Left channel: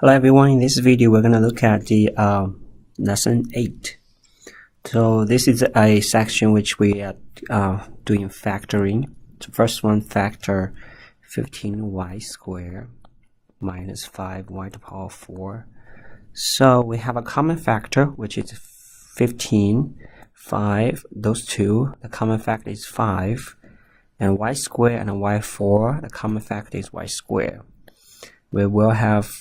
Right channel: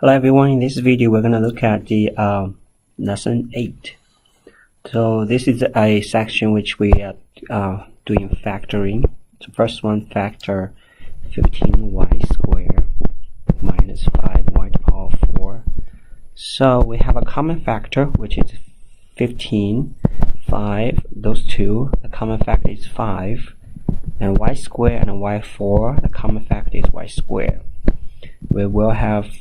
Hello everyone, in this video we're going to look at the lesson 8. So this is a section which we are doing factoring. The first one, factor 15y squared minus 5y to the power 4. So we have a common factor which is 15, 5, those two, the common factor is 5, and y squared and y4, the common factor is y squared. We will have,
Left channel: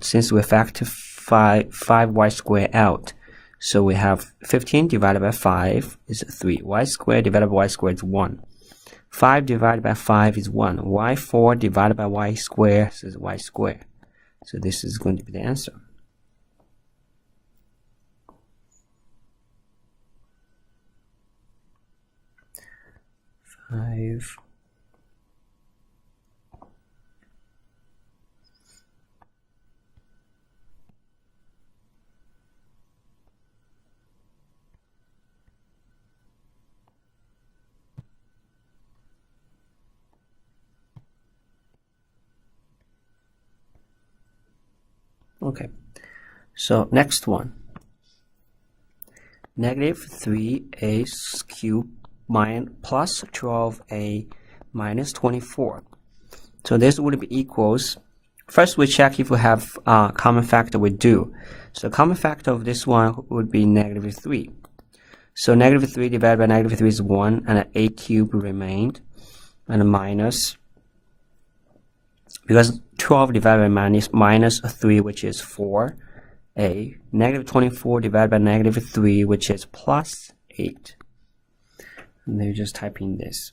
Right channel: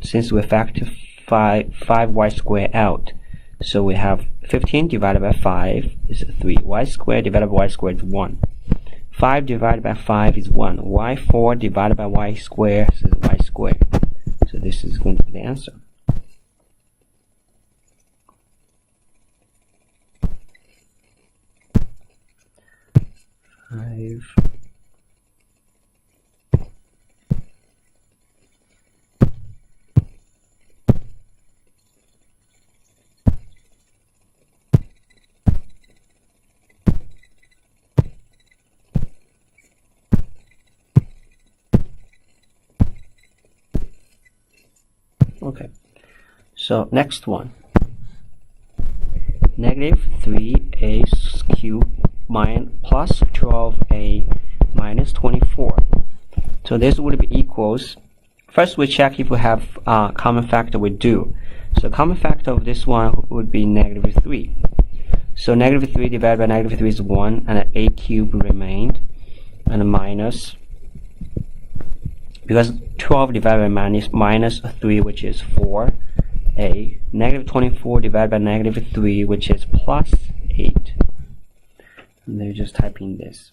since we factor 5y squared out, so we have 15 divided by 5 is 3. Y squared divided by y squared is 1. 5 divided by 5 is 1. Y4 divided by y squared is y squared. So this is going to be the answer. Okay, so next one, negative 3a cubed plus 12a minus 24. So this would be equals, first we check if we have common factor. We do. So common factor of this one would be negative 3. So negative 3 divided by negative 3 is 1, and a cubed remained, and a minus, because 12 divided by minus 3, which is 4a, negative 24 divided by negative 3, which is plus 8. And then you just type in this.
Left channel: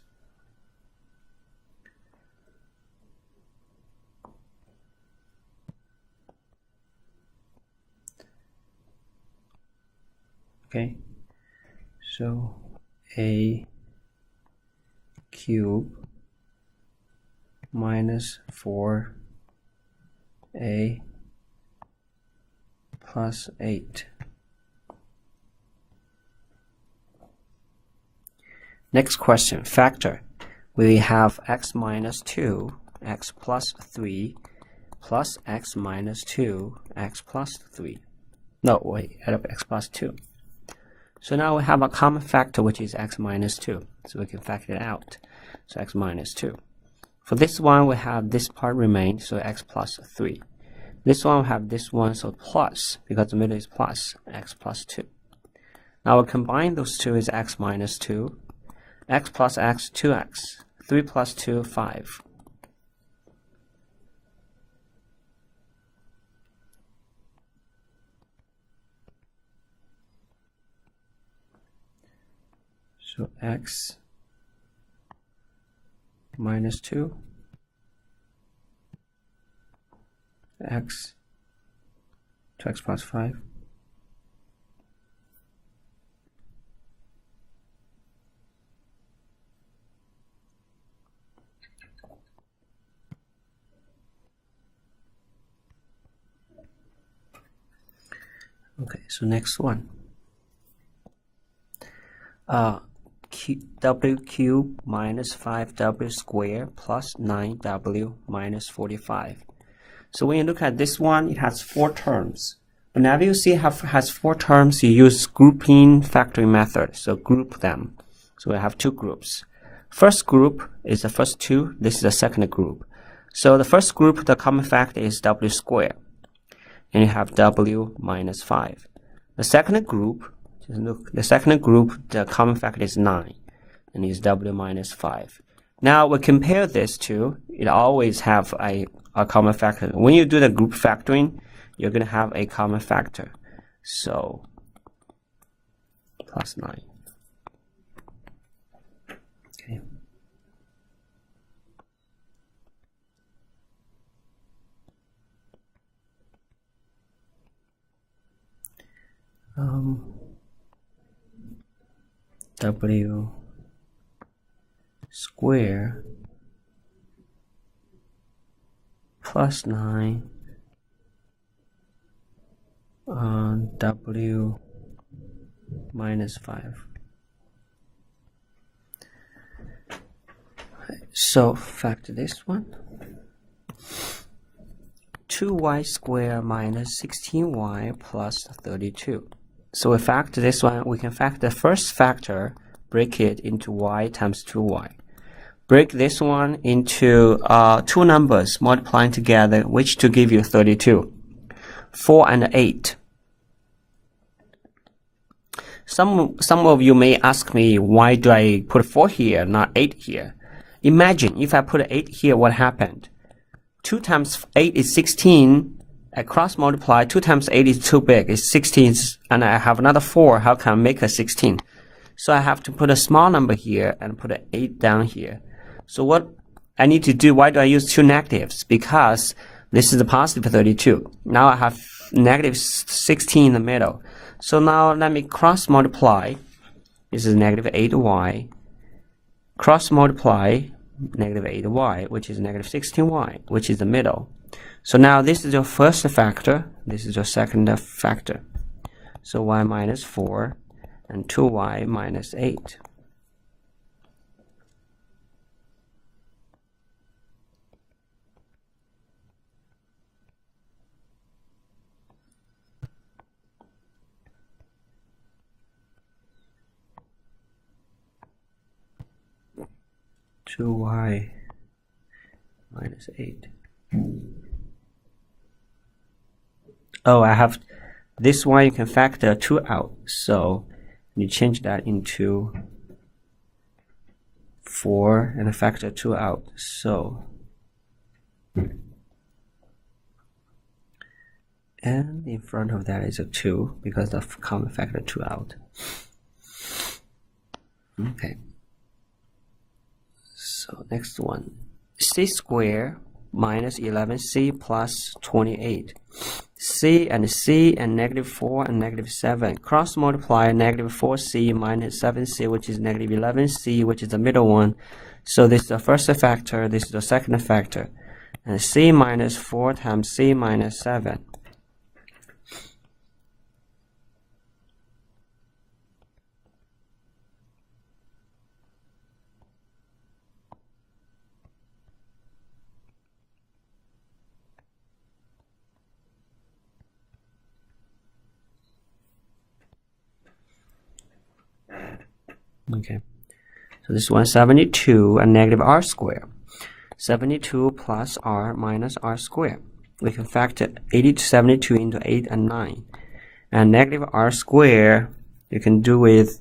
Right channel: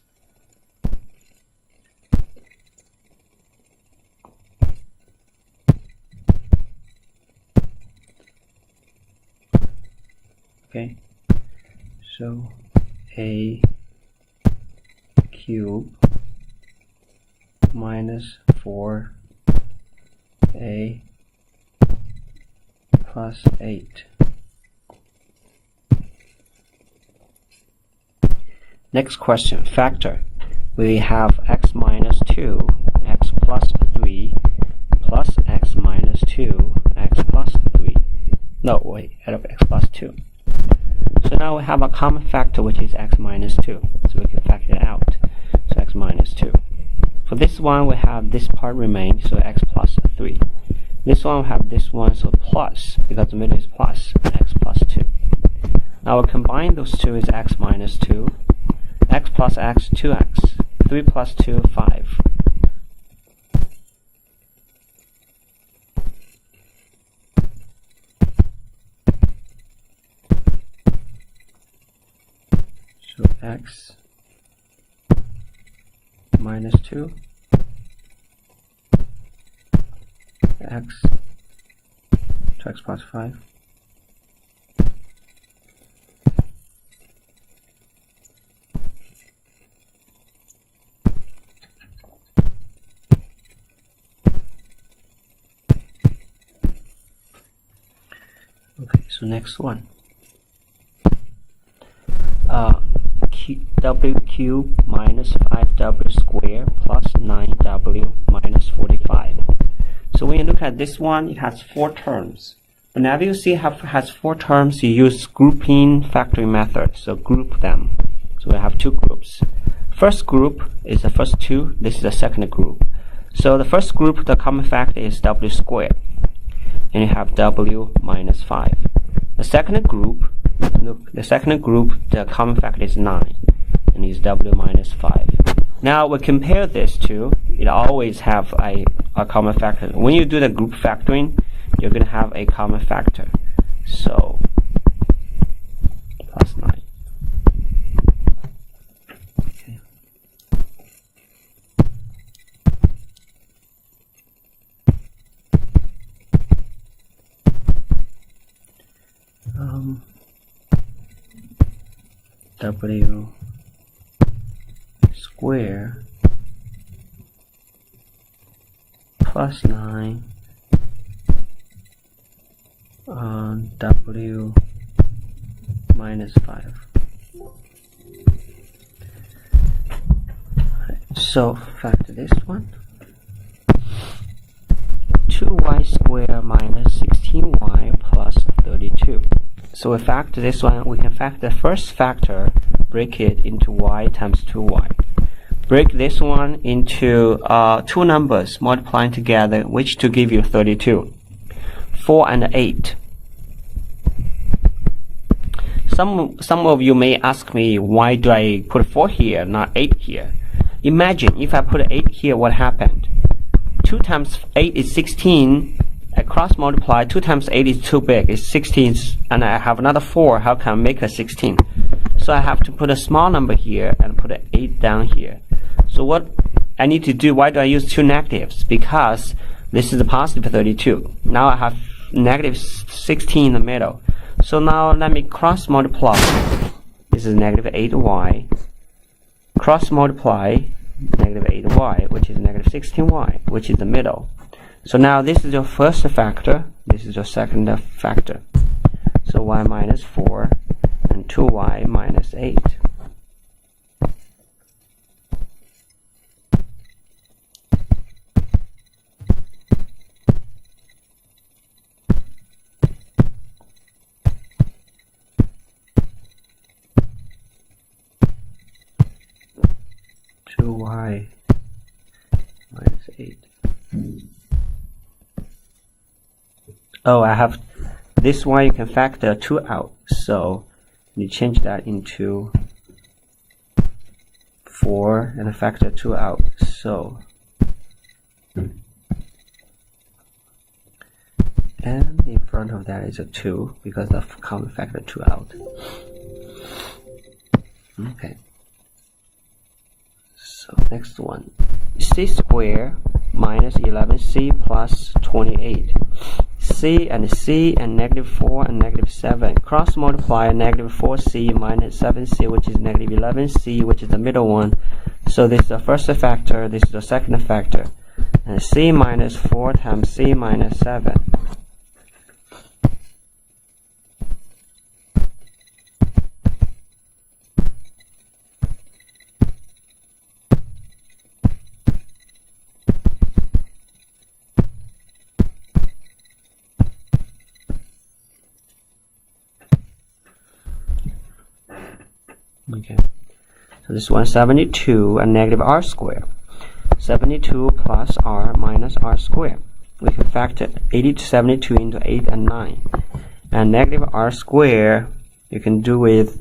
Okay, so a cube minus 4a plus 8. Next question, factor. We have x minus 2, x plus 3, plus x minus 2, x plus 3. No, wait, add up x plus 2. So now we have a common factor which is x minus 2. So we can factor it out. So x minus 2. For this one, we have this part remain, so x plus 3. This one, we have this one, so plus, because the middle is plus, x plus 2. Now we'll combine those two is x minus 2, x plus x, 2x, 3 plus 2, 5. So x minus 2, x, 2x plus 5. Okay, so next one. W cubed minus 5w squared plus 9w minus 45. So when you look at this one, it has 4 terms. Whenever you see it has 4 terms, you use grouping factoring method. So group them. So we have 2 groups. First group is the first 2. This is the second group. So the first group, the common factor is w squared. And you have w minus 5. The second group, the common factor is 9. And is w minus 5. Now we compare this to, it always have a common factor. When you do the group factoring, you're going to have a common factor. So plus 9. Okay. W square plus 9 on w minus 5. So factor this one. 2y squared minus 16y plus 32. So we factor this one. We can factor the first factor, break it into y times 2y. Break this one into two numbers multiplying together, which to give you 32. 4 and 8. Some of you may ask me, why do I put 4 here, not 8 here? Imagine if I put 8 here, what happened? 2 times 8 is 16. I cross multiply. 2 times 8 is too big. It's 16, and I have another 4. How can I make a 16? So I have to put a small number here and put an 8 down here. So what I need to do, why do I use two negatives? Because this is a positive 32. Now I have negative 16 in the middle. So now let me cross multiply. This is negative 8y. Cross multiply negative 8y, which is negative 16y, which is the middle. So now this is your first factor. This is your second factor. So y minus 4 and 2y minus 8. Y minus 8. Oh, I have this one. You can factor 2 out, so you change that into 4 and factor 2 out. So, and in front of that is a 2 because the common factor 2 out. Okay. So next one, c squared minus 11c plus 28. C and negative 4 and negative 7. Cross multiply negative 4c minus 7c, which is negative 11c, which is the middle one. So this is the first factor, this is the second factor. And c minus 4 times c minus 7. Okay, so this one 72 and negative r squared. 72 plus r minus r squared. We can factor 80 to 72 into 8 and 9. And negative r squared, you can do with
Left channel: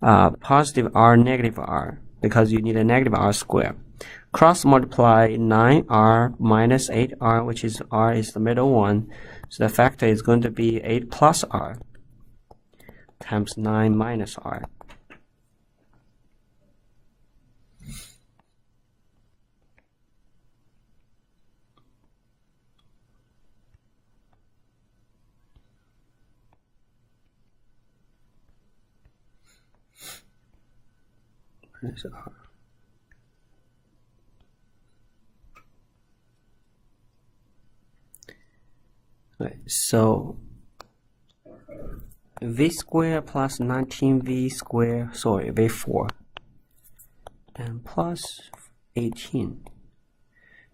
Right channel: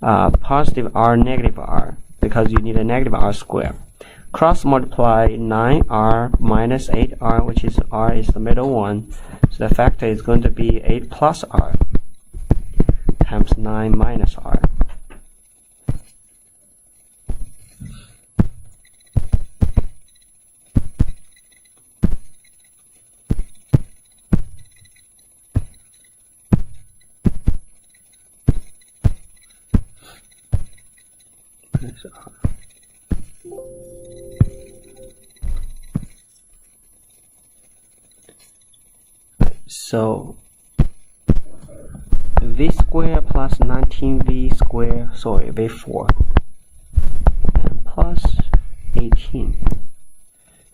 positive r, negative r, because you need a negative r squared. Cross multiply 9r minus 8r, which is r is the middle one. So the factor is going to be 8 plus r times 9 minus r. So v squared plus 19v squared, v4, and plus 18.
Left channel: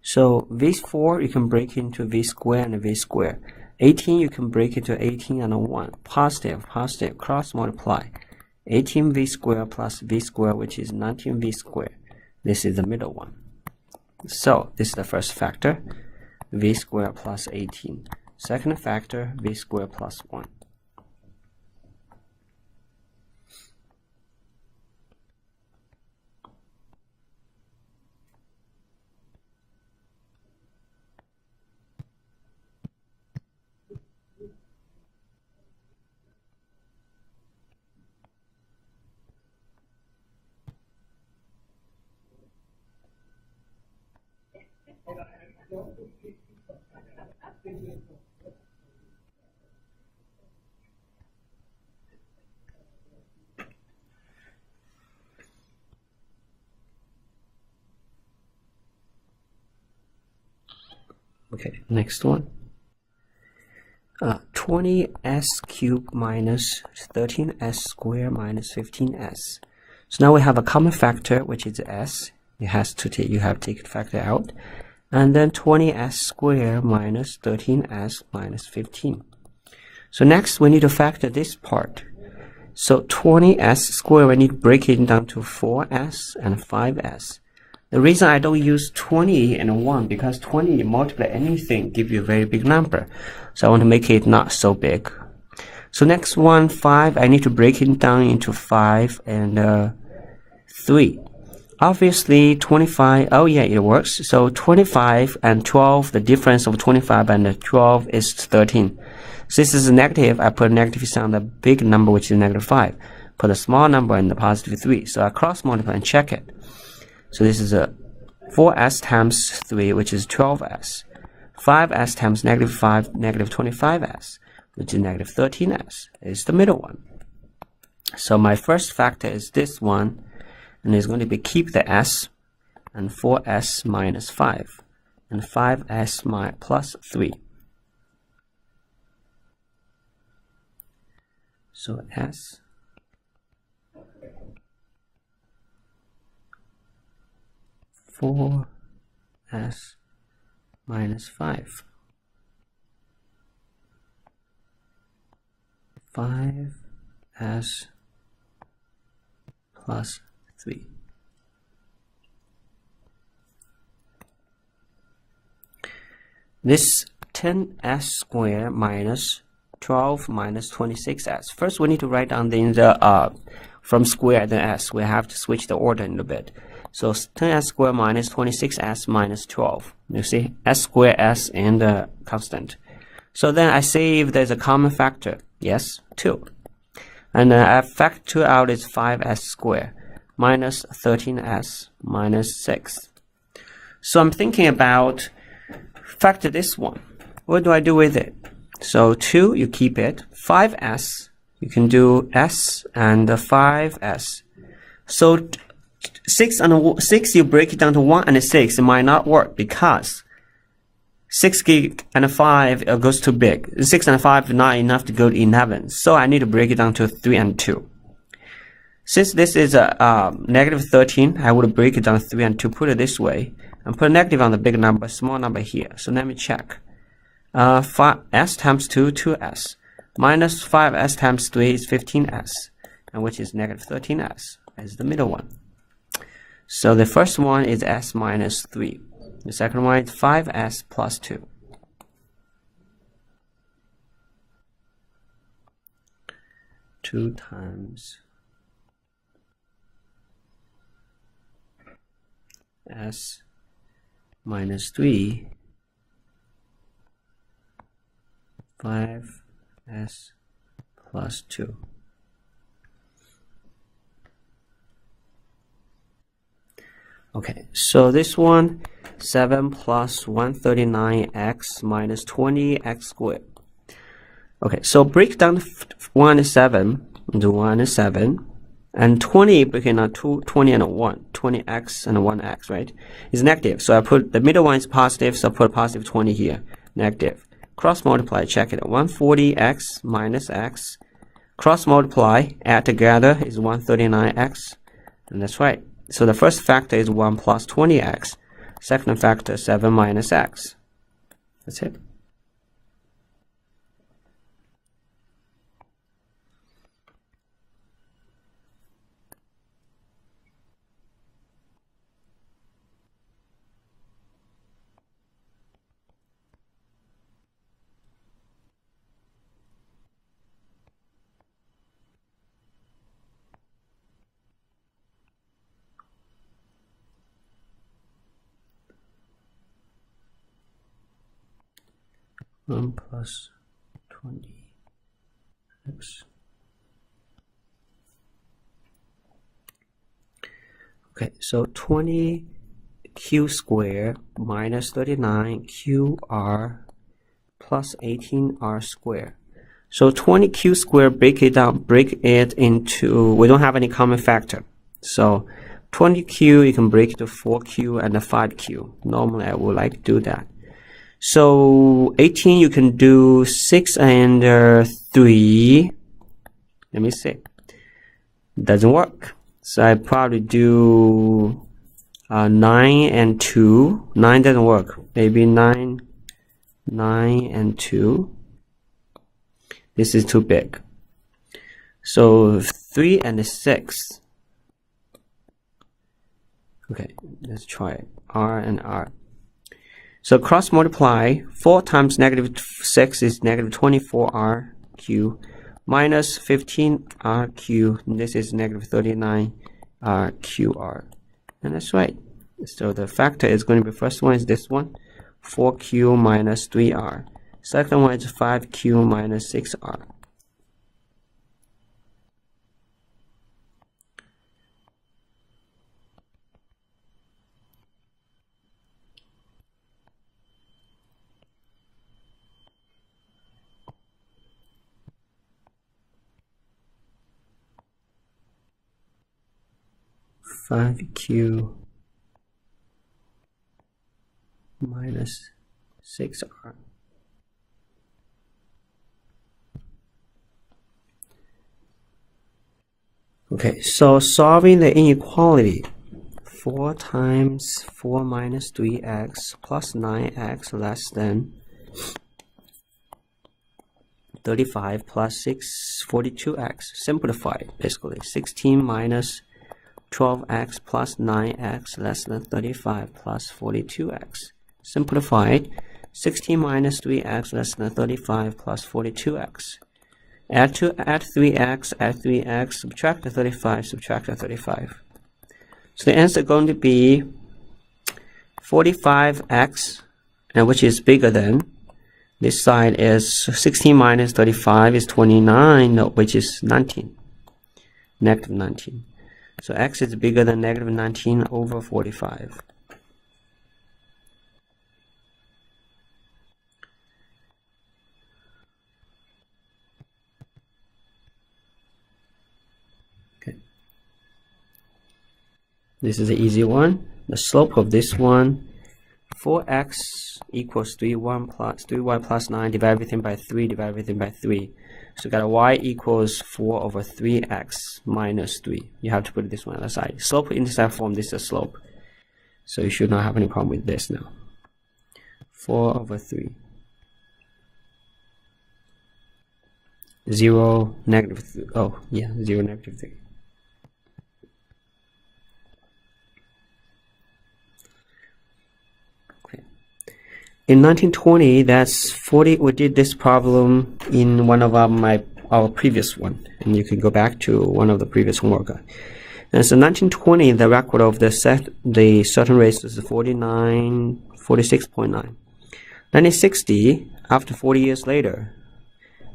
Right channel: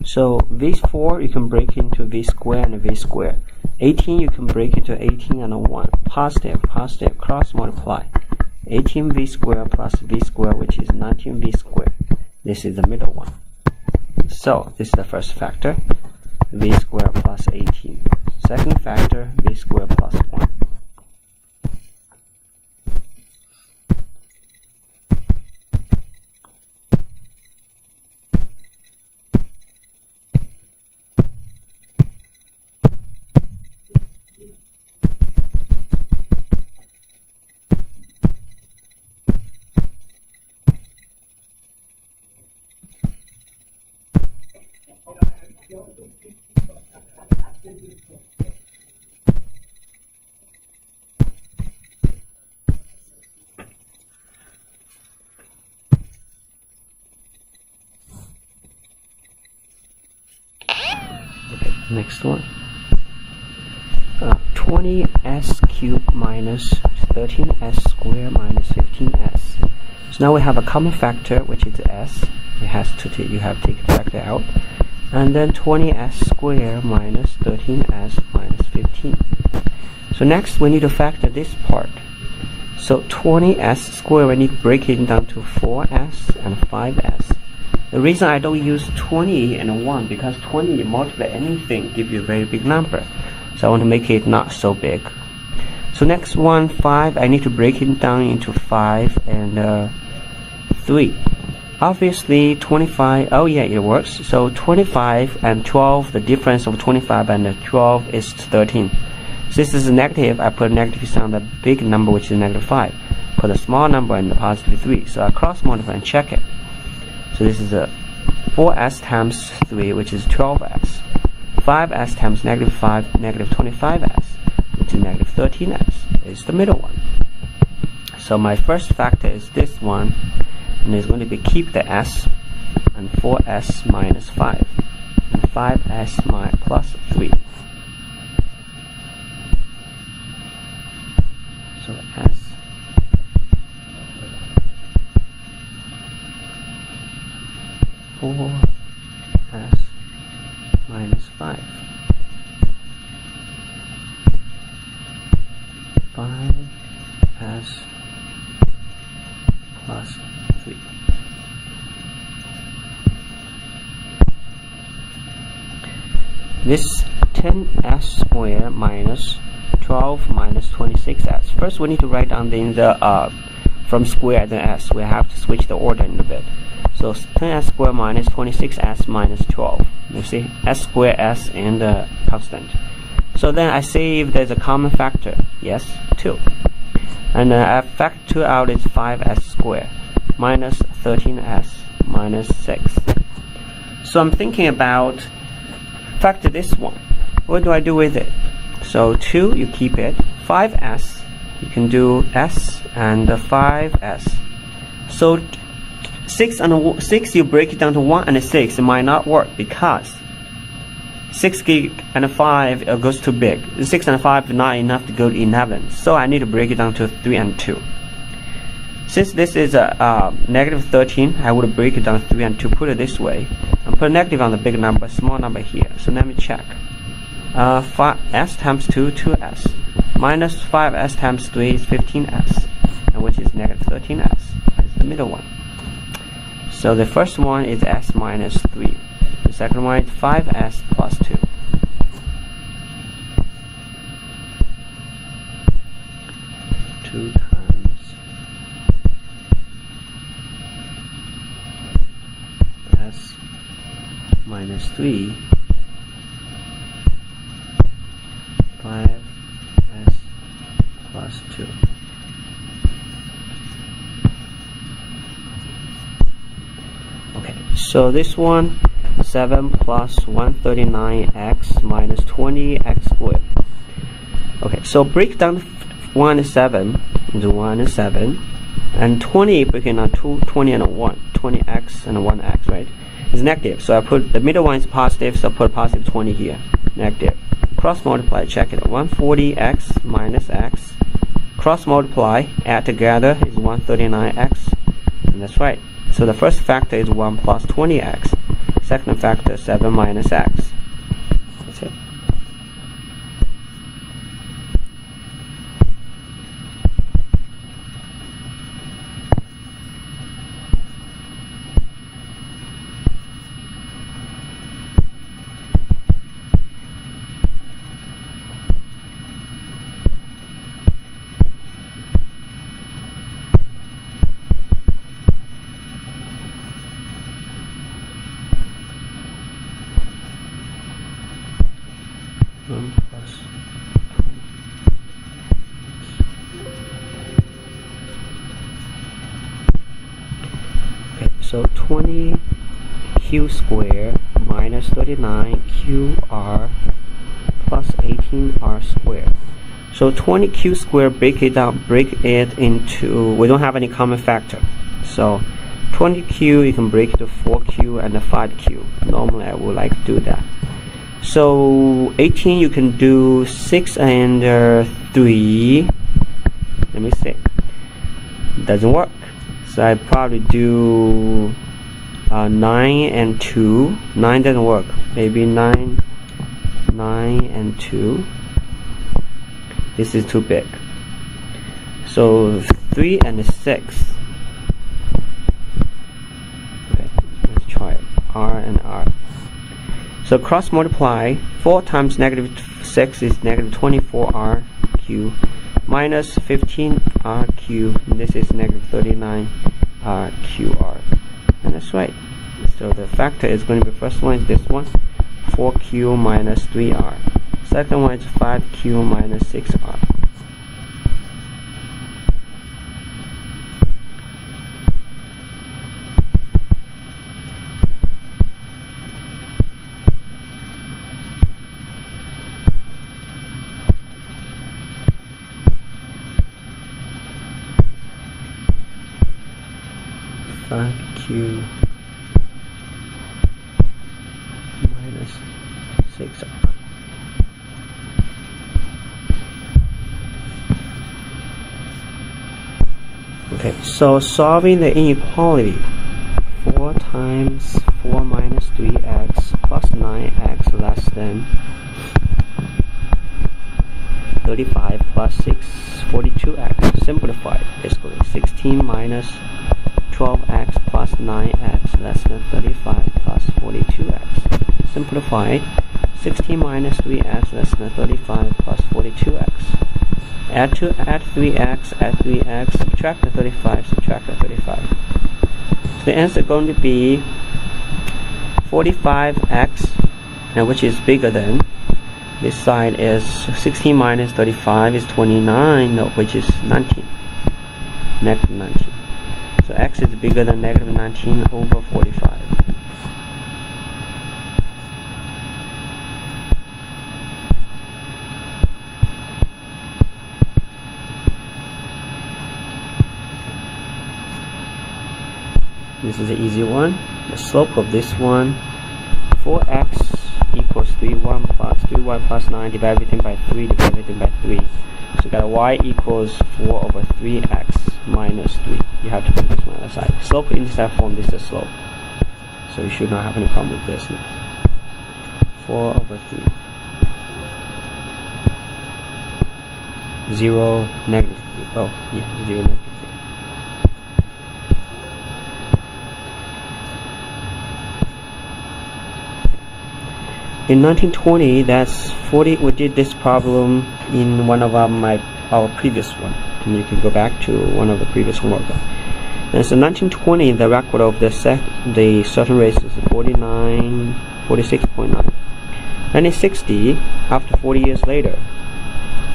So v4 you can break into v squared and v squared. 18 you can break into 18 and a 1. Positive, positive, cross multiply. 18v squared plus v squared, which is 19v squared. This is the middle one. So this is the first factor, v squared plus 18. Second factor, v squared plus 1. Okay, next one. 20s cubed minus 13s squared minus 15s. So now we have a common factor, which is s. You have to take factor out, and then 20s squared minus 13s minus 15. So next we need to factor this part. So 20s squared, we need to break it down to 4s and 5s. The reason I don't use 20 and 1, because 20 you multiply anything give you a very big number. So I want to make it not so big. So next one, 5, I need to break it down into 5 and 3. Obviously 25, oh yeah, it works. So 25 and 12, the difference of 25 and 12 is 13. So this is a negative, I put a negative sign on the big number, which is negative 5. Put a small number in the positive 3. So I cross multiply and check it. So this is a 4s times 3, which is 12s. 5s times negative 5, negative 25s, which is negative 13s. It's the middle one. So my first factor is this one, and it's going to be keep the s, and 4s minus 5, and 5s plus 3. So s s minus 5, 5s plus 3. This 10s squared minus 12 minus 26s. First we need to write down the from square then s. We have to switch the order a little bit. So 10s squared minus 26s minus 12. You see, s squared, s, and constant. So then I see if there's a common factor. Yes, 2. And I factor 2 out is 5s squared minus 13s minus 6. So I'm thinking about factor this one. What do I do with it? So 2, you keep it. 5s, you can do s and 5s. So 6 and 6, you break it down to 1 and 6. It might not work because 6 and 5 goes too big. 6 and 5 is not enough to go to 11. So I need to break it down to 3 and 2. Since this is a negative 13, I would break it down 3 and 2, put it this way, and put a negative on the big number, small number here. So let me check. 5s times 2, 2s. Minus 5s times 3 is 15s, and which is negative 13s. Is the middle one. So the first one is s minus 3. The second one is 5s plus 2. Two times s minus 3, 5s plus 2. Okay, so this one, 7 plus 139x minus 20x squared. Okay, so break down 1 and 7 into 1 and 7, and 20 breaking down 20 and 1, 20x and 1x, right? Is negative, so I put the middle one is positive, so I put positive 20 here, negative. Cross multiply, check it. 140x minus x. Cross multiply, add together is 139x, and that's right. So the first factor is 1 plus 20x. Second factor, 7 minus x. That's it. Plus 20x. Okay, so 20q squared minus 39qr plus 18r squared. So 20q squared, break it into, we don't have any common factor. So 20q, you can break it to 4q and 5q. Normally I would like to do that. So 18 you can do 6 and 3. Let me see. Doesn't work. So I probably do 9 and 2. 9 doesn't work. Maybe 9 and 2. This is too big. So 3 and 6. Okay, let's try it. R and R. So cross multiply. 4 times -6 is -24RQ minus 15RQ. This is -39RQR. And that's right. So the factor is going to be, first one is this one, 4Q minus 3R. Second one is 5Q minus 6R. Q minus 6R. Okay, so solving the inequality, 4 times 4 minus 3x plus 9x less than 35 plus 6, 42x. Simplified, basically. 16 minus 12x plus 9x less than 35 plus 42x. Simplified. 16 minus 3x less than 35 plus 42x. Add 3x, add 3x, subtract the 35, subtract the 35. So the answer is going to be 45x, and which is bigger than. This side is 16 minus 35 is 29, no, which is 19. Negative 19. So x is bigger than negative 19 over 45. This is an easy one. The slope of this one, 4x equals 3y plus 9, divide everything by 3, divide everything by 3. So we got a y equals 4 over 3x minus 3. You have to put this one aside. Slope intercept form, this is a slope. So you should not have any problem with this now. 4 over 3. 0, negative 3. Oh, yeah, 0, negative 3. In 1920, that's 40. We did this problem in one of our previous one, and you can go back to one of the previous homework. And so 1920, the record of the certain race is 46.9. 1960, after 40 years later,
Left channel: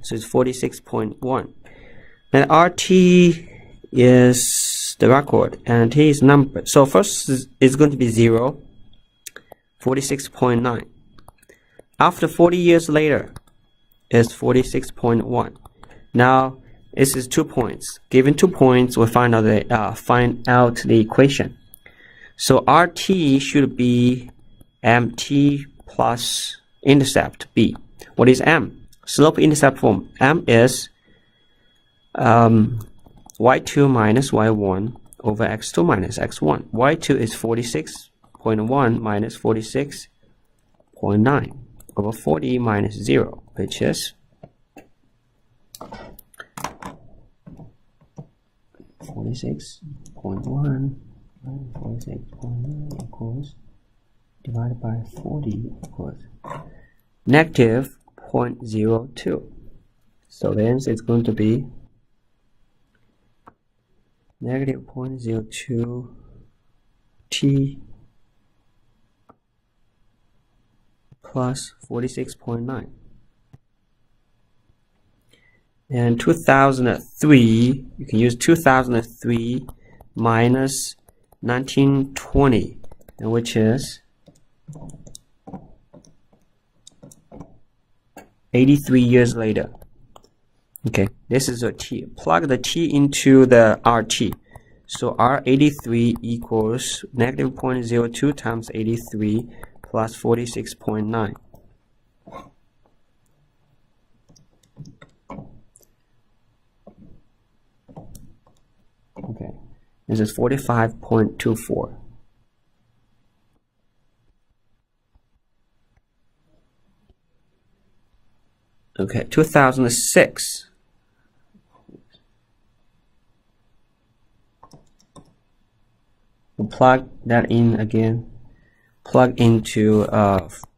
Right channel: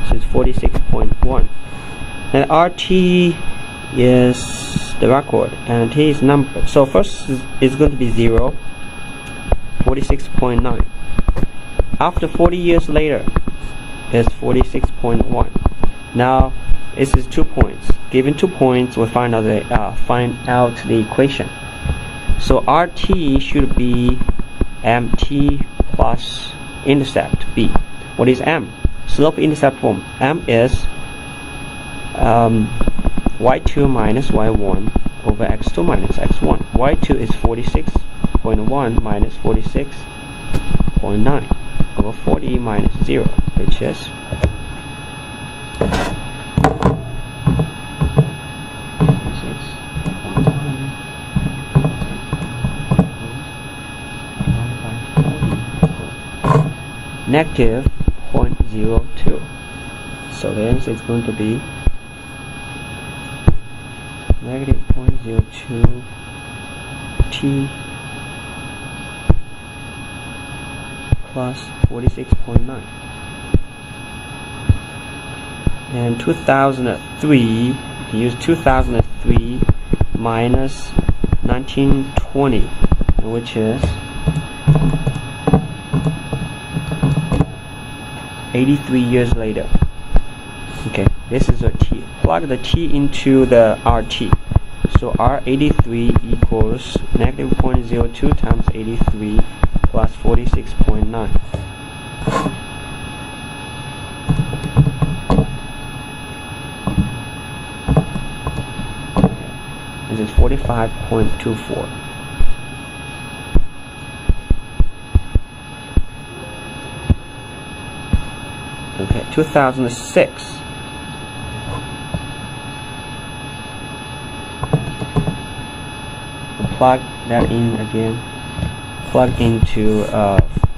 so it's 46.1. And RT is the record, and T is number. So first is going to be 0, 46.9. After 40 years later, it's 46.1. Now, this is 2 points. Given 2 points, we find out the equation. So RT should be MT plus intercept B. What is M? Slope intercept form. M is y2 minus y1 over x2 minus x1. y2 is 46.1 minus 46.9. over 40 minus 0, which is 46.1 divided by 40 negative 0.02. So the answer is going to be negative 0.02 T plus 46.9. And 2003, you can use 2003 minus 1920, which is 83 years later. Okay, this is a T. Plug the T into the RT. So R83 equals negative 0.02 times 83 plus 46.9. Okay. This is 45.24. Okay, 2006. We'll plug that in again. Plug into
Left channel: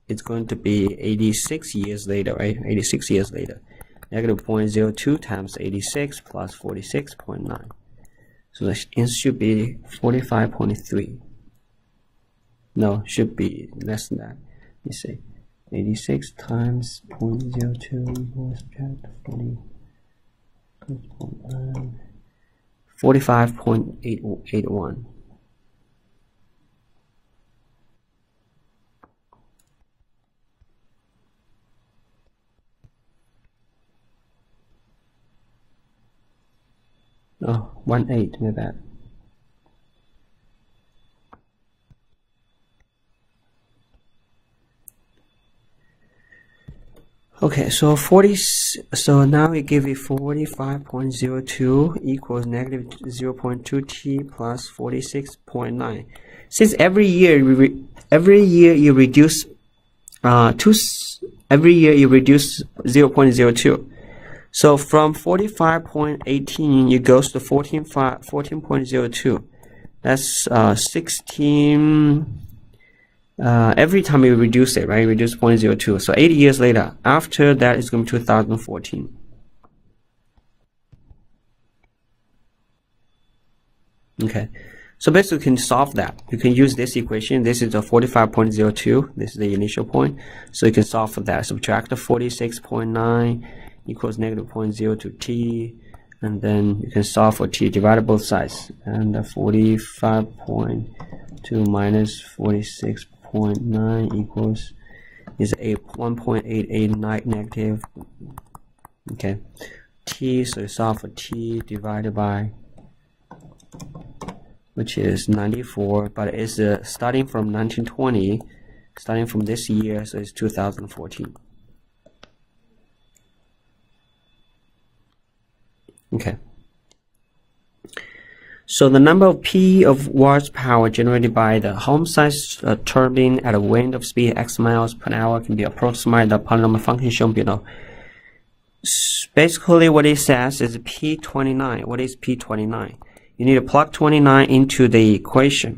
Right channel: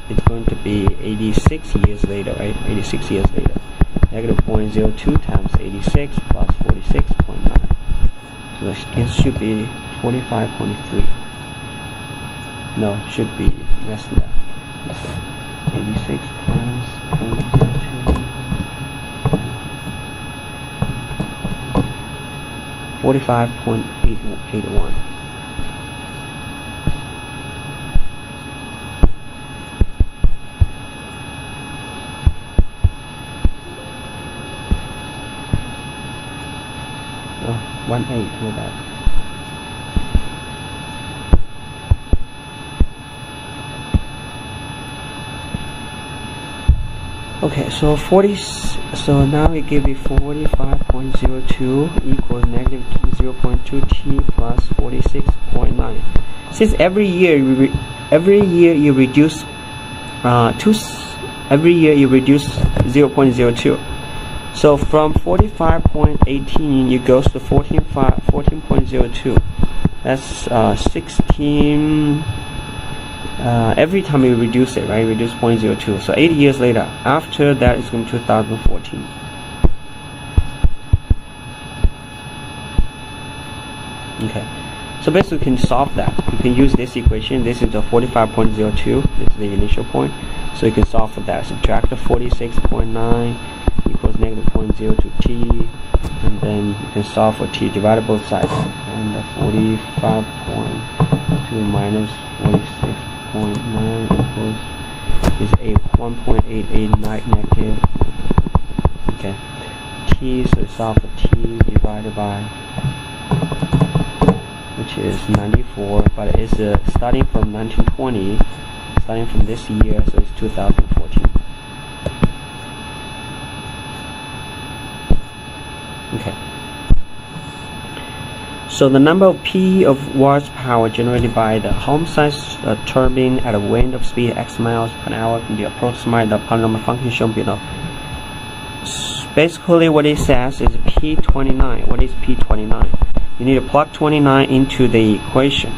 it's going to be 86 years later, right? 86 years later. Negative 0.02 times 86 plus 46.9. So it should be 45.3. No, should be less than that. Let's see. 86 times 0.02. 45.81. Oh, 1/8 with that. Okay, so now we give it 45.02 equals negative 0.2 t plus 46.9. Since every year you reduce every year you reduce 0.02. So from 45.18 it goes to 14.02. That's 16. Every time you reduce it, right? Reduce 0.02. So 80 years later, after that it's going to be 2014. Okay. So basically you can solve that. You can use this equation. This is the 45.02. This is the initial point. So you can solve for that. Subtract the 46.9 equals negative 0.02 t, and then you can solve for t, divide both sides, and the 45.2 minus 46.9 equals is 1.889 negative. Okay, t, so you solve for t divided by, which is 94, but it's starting from 1920, starting from this year, so it's 2014. Okay. So the number of P of watts power generated by the home-sized turbine at a wind of speed x miles per hour can be approximated by the polynomial function shown below. Basically what it says is P29. What is P29? You need to plug 29 into the equation.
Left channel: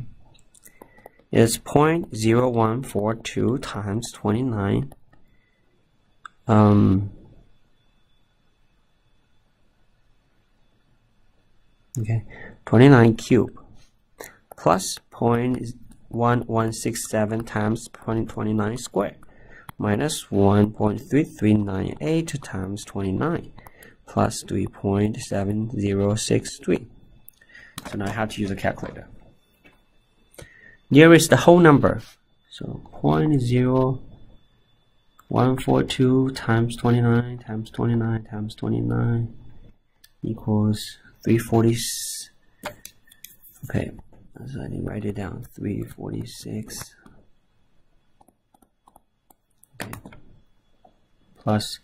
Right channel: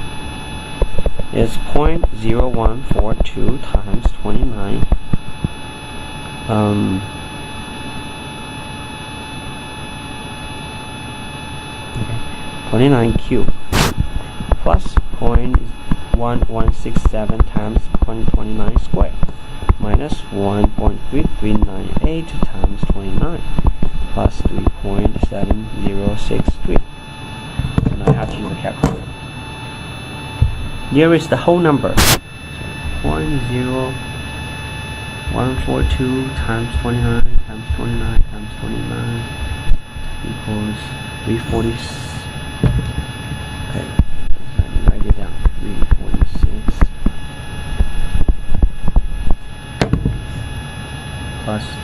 It's 0.0142 times 29. Okay, 29 cubed plus 0.1167 times 29 squared minus 1.3398 times 29 plus 3.7063. So now I have to use a calculator. Here is the whole number. So 0.0142 times 29 times 29 times 29 equals 340. Okay, let me write it down. 346 plus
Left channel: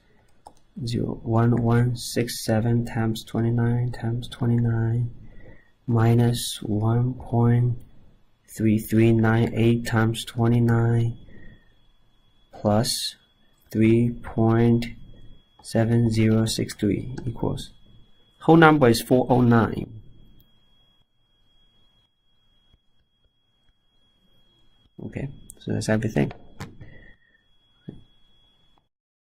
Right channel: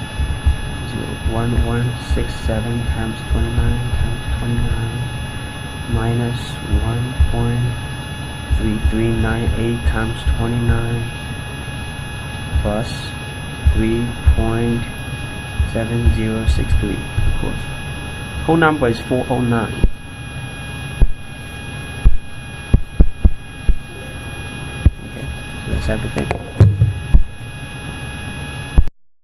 0.1167 times 29 times 29 minus 1.3398 times 29 plus 3.7063 equals, whole number is 409. Okay, so that's everything.